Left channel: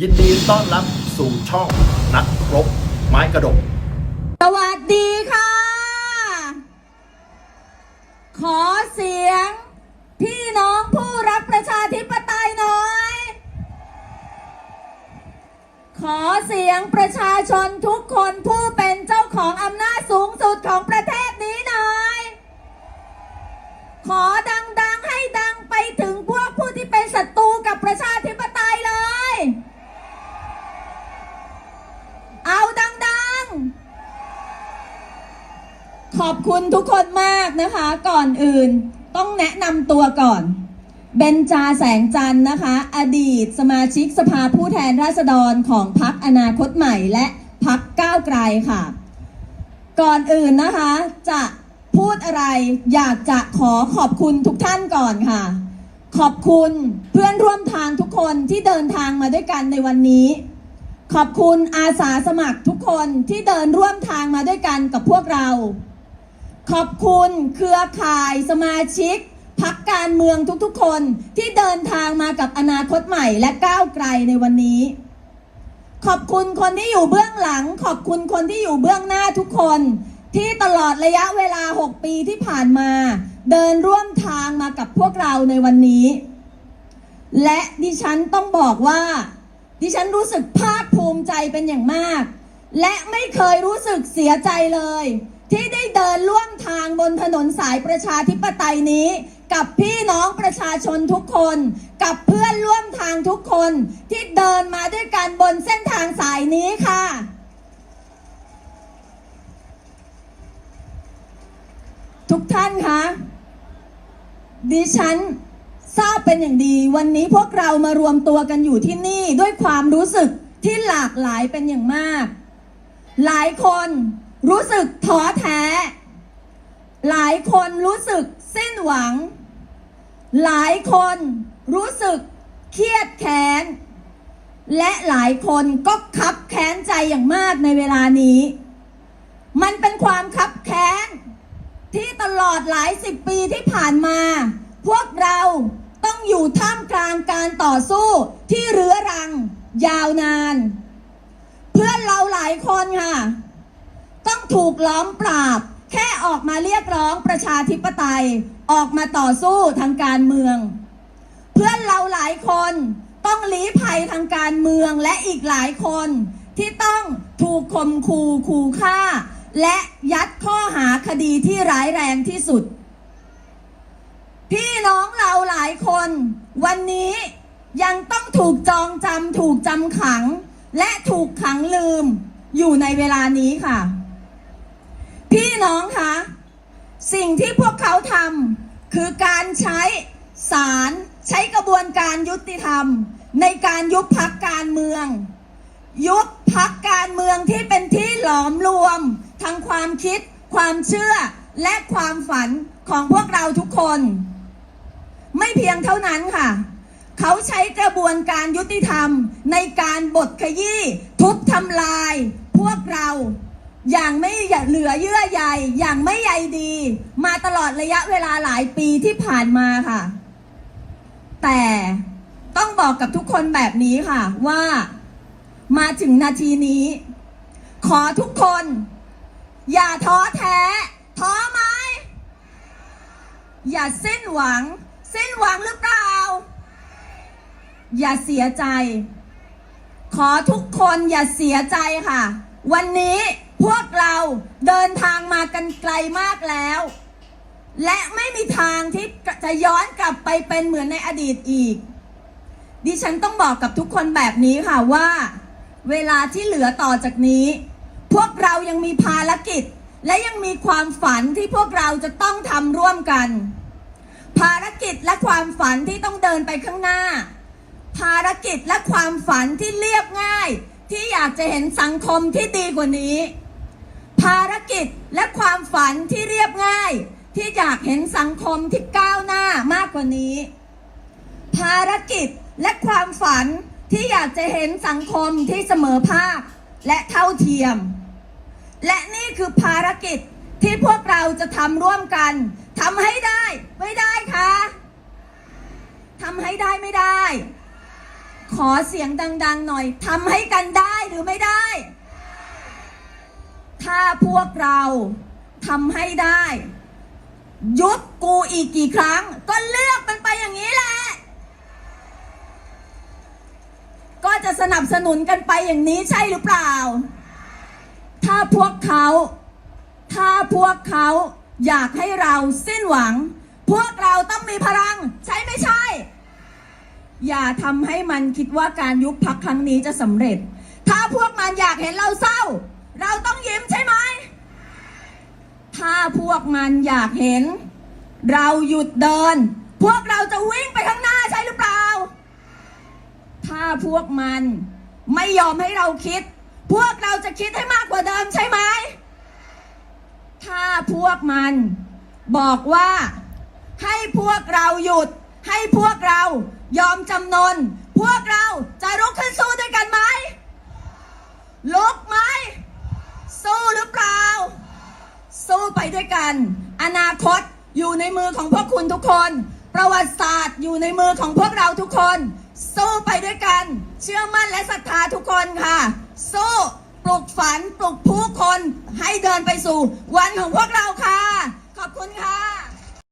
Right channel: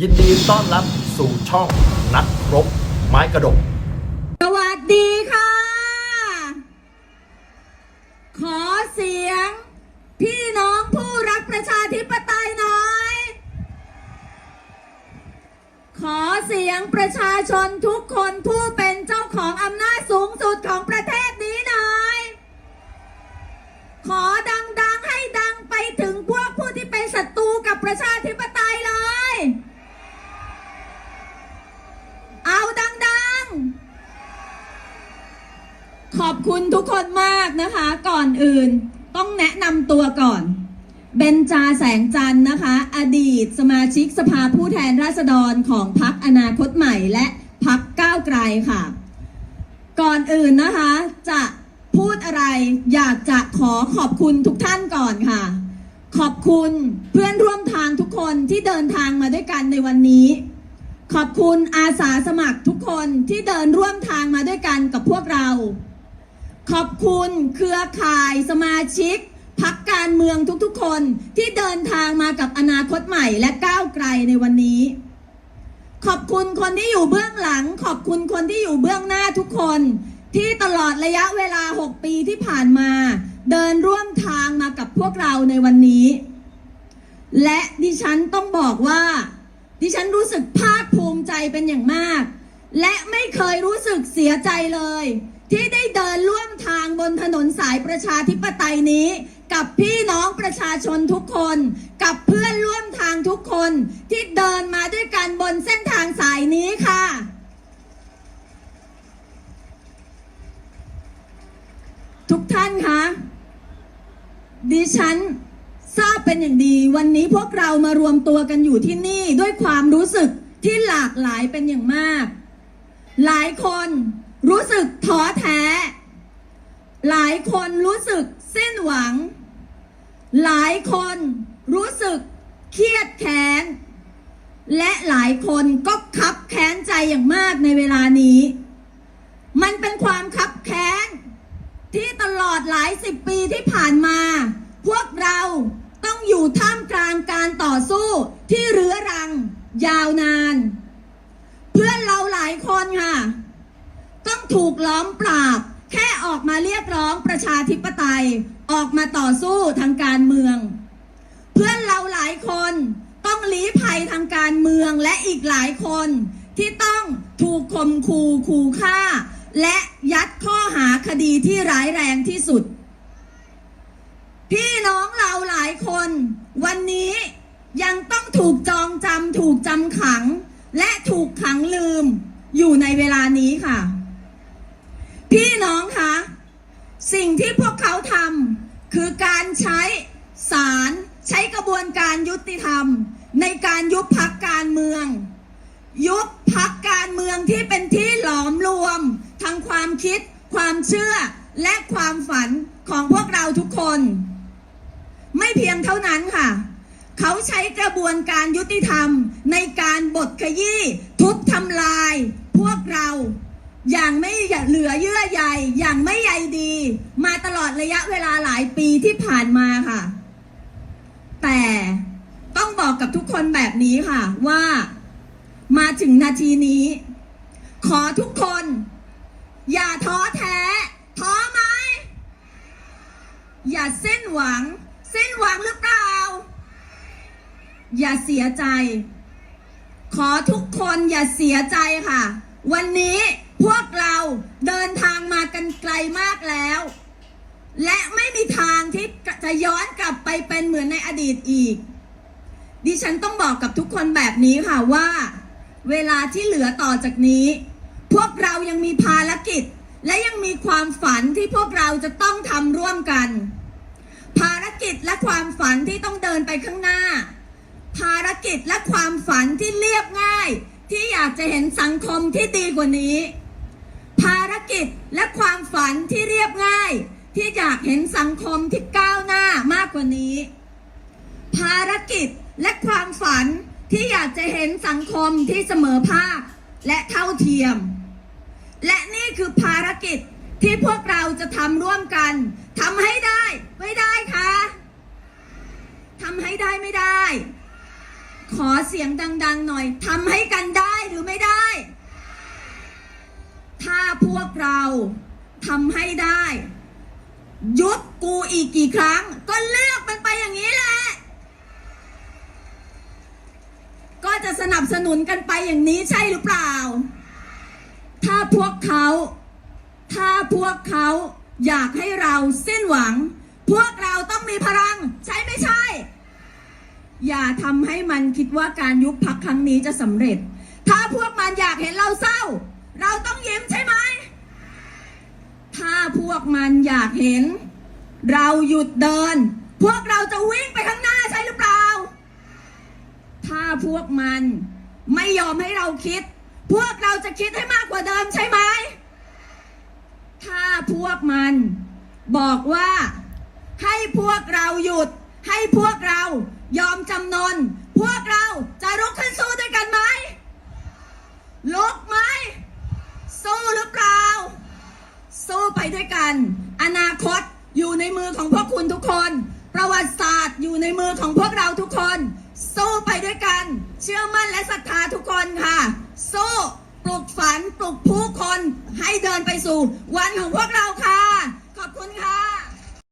ยินดีต้อนรับสู่ช่องนักรบไม้กระดก สวัสดีค่ะ ขอเสียง พี่น้องผู้รักประชาธิปไตยหน่อย ขอเสียงประชาชนทุกคนผู้เป็นเจ้าของอำนาจสูงสุดของประเทศนี้หน่อย ขอดังๆให้ดังไปถึงพวกผู้ที่เป็นศัตรูกับประชาธิปไตยเลย เอาดังๆ ขอบคุณทุกคนมากนะคะ ก่อนอื่นต้องแนะนำตัวก่อนเบนจาแสงจันทร์นะคะ อดีตสมาชิกสภาผู้แทนราษฎรของพรรคอนาคตใหม่และพรรคก้าวไกลค่ะ ก่อนอื่นนะคะ จะพูดอะไรอยากจะขอขอบคุณทุกท่านก่อนค่ะ ขอบคุณเพื่อนร่วมทางทุกคนที่เดินทางมาด้วยกันในวันนี้ ขอบคุณอาสาสมัครทุกคนที่เดินร่วมทางมาด้วยกันกับพวกเรา ขอบคุณเครือข่ายสมาชิกพักการเมืองทุกๆคนที่เดินทางมากับอนาคตใหม่และก้าวไกลในวันนี้ ขอบคุณคนที่อยู่เบื้องหลัง ขอบคุณคนที่อยู่เบื้องหน้าทุกคน ที่ตลอดระยะเวลา 6 ปีที่ผ่านมา เดินร่วมทางมากับพวกเราในวันนี้ และดิฉันต้องบอกว่า ดิฉันรู้สึกภาคภูมิใจเป็นอย่างมาก และไม่เคยรู้สึกเสียใจเลย ที่ได้ บนถนนสายประชาธิปไตยนี้ กับพี่น้องประชาชนทุกคน กับเพื่อนร่วมทางทุกคนที่เดินมาด้วยกันบนเส้นทางสายนี้ค่ะทุกท่านคะดิฉันทราบเป็นอย่างดี วันนี้พวกเรามารวมตัวกันอยู่ที่นี่ด้วยความรู้สึกที่หลากหลายเป็นอย่างมาก หลายคนรู้สึกท้อแท้ หลายคนรู้สึกสิ้นหวัง หลายคนรู้สึกเครียดแค้น และหลายคนก็คับแค้นใจอย่างมากในเวลานี้ มันเป็นความคับแค้น ที่ตลอดหลายสิบปีที่ผ่านมา พวกเราต้องอยู่ท่ามกลางการต่อสู้ที่เรื้อรัง ยาวนาน เพื่อนเราหลายคนค่ะ ต้องถูกล้อมปราบ แค่ออกมาเรียกร้องประชาธิปไตย ออกมาต่อสู้ทางการเมือง เพื่อนเราหลายคนต้องลี้ภัยทางการเมืองและอีกหลายคนที่ต้องถูกข่มขู่ขู่ฆ่า และยัดข้อหาคดีที่ร้ายแรงที่สุด พี่น้องเราหลายคน วันนี้ยังต้องถูกจองจำถูกจำขัง และถูกขังลืมอยู่ในเวลานี้ค่ะ พี่น้องคะสิ่งที่พวกเขาทำคือการใช้ศาลใช้กระบวนการยุติธรรม ในการยุบพักการเมือง ยุบพักการเมืองที่เป็นที่หลอมรวมทางความคิด ความเชื่อและความฝันของพวกเราทุกคน ไม่เพียงเท่านั้นค่ะ เขาใช้กระบวนการยุติธรรมในการบดขยี้ทุบทำลายพวกเรา อย่างไม่เหลือเยื่อใยอย่างไม่ใยดี มาตลอดระยะเวลาหลายปีที่ผ่านมาค่ะ แต่ต้องบอกกับทุกคนแบบนี้ค่ะว่า มาถึงนาทีนี้ ขอทุกคน อย่าท้อแท้ ท้อไหมอย่าสิ้นหวังสิ้นหวังหรือเปล่า อย่าเสียใจ ขอทุกคนอย่าเสียใจค่ะ วันนี้ พวกเราเดินทางมากันไกลมากแล้ว และไม่มีทางที่จะย้อนกลับไปเป็นเหมือนในอดีตอีก ดิฉันต้องบอกกับทุกคนแบบนี้ค่ะว่า เวลาที่เหลือต่อจากนี้ พวกเรายังมีภารกิจ และยังมีความฝันที่พวกเราจะต้องทำร่วมกัน ภารกิจและความฝันที่ต้องเดินไปข้างหน้า ภารกิจและความฝันที่เรียบง่ายที่อยากจะเห็นสังคมที่ดีกว่านี้ารกิจและความฝันที่เรียบง่าย ที่อยากเห็นสังคมที่ก้าวหน้ามากกว่านี้ ภารกิจและความฝันที่อยากจะเห็นสังคมที่เสมอภาคและเท่าเทียม และนี่คือภารกิจที่พวกเราจะทำร่วมกันทำให้ได้ไม่ได้คะทำให้ได้ไม่ได้ ขอเสียงดัง ๆ หน่อยทำให้กันได้หรือไม่ได้ ถ้าพวกเราทำให้ได้ ยุบกูอีกกี่ครั้ง ก็เลือกมันไปอย่างนี้แหละ ก็จะสนับสนุนกันไปอย่างนี้ใช่หรือเปล่า ถ้าพวกเขา ถ้าพวกเขาอยากให้เราสิ้นหวัง พวกเราต้องมีพลัง ใช่ไม่ใช่ อย่าทำให้มันคิดว่าการยุบพักครั้งนี้จะสำเร็จ ถ้าพวกมันอยากเห็นเราเศร้า เราต้องยิ้มใช่ไหม ถ้าพวกมันอยากเห็น เราหยุดเดิน พวกเราจะวิ่งไปข้างหน้าใช่หรือเปล่า ถ้าพวกมันไม่ยอมให้เราคิด พวกเราจะคิดให้มากกว่าเดิมใช่ไหม ถ้าพวกมันบอกว่า ให้พวกเราหยุด ให้พวกเรายอมจำนน พวกเราจะลุกขึ้นสู้ด้วยกันไหมลุกไหม สู้หรือเปล่า สู้ไป ด้วยกัน อนาคตอยู่ในมือของพวกคุณทุกคน ประวัติศาสตร์อยู่ในมือของพวกเราทุกคน สู้ไปด้วยกัน เชื่อมั่นและศรัทธาทุกคนค่ะ สู้ปลุกฝันปลุกผู้คนให้เดินไปสู่ วันของพวกเราค่ะ ขอบคุณค่ะ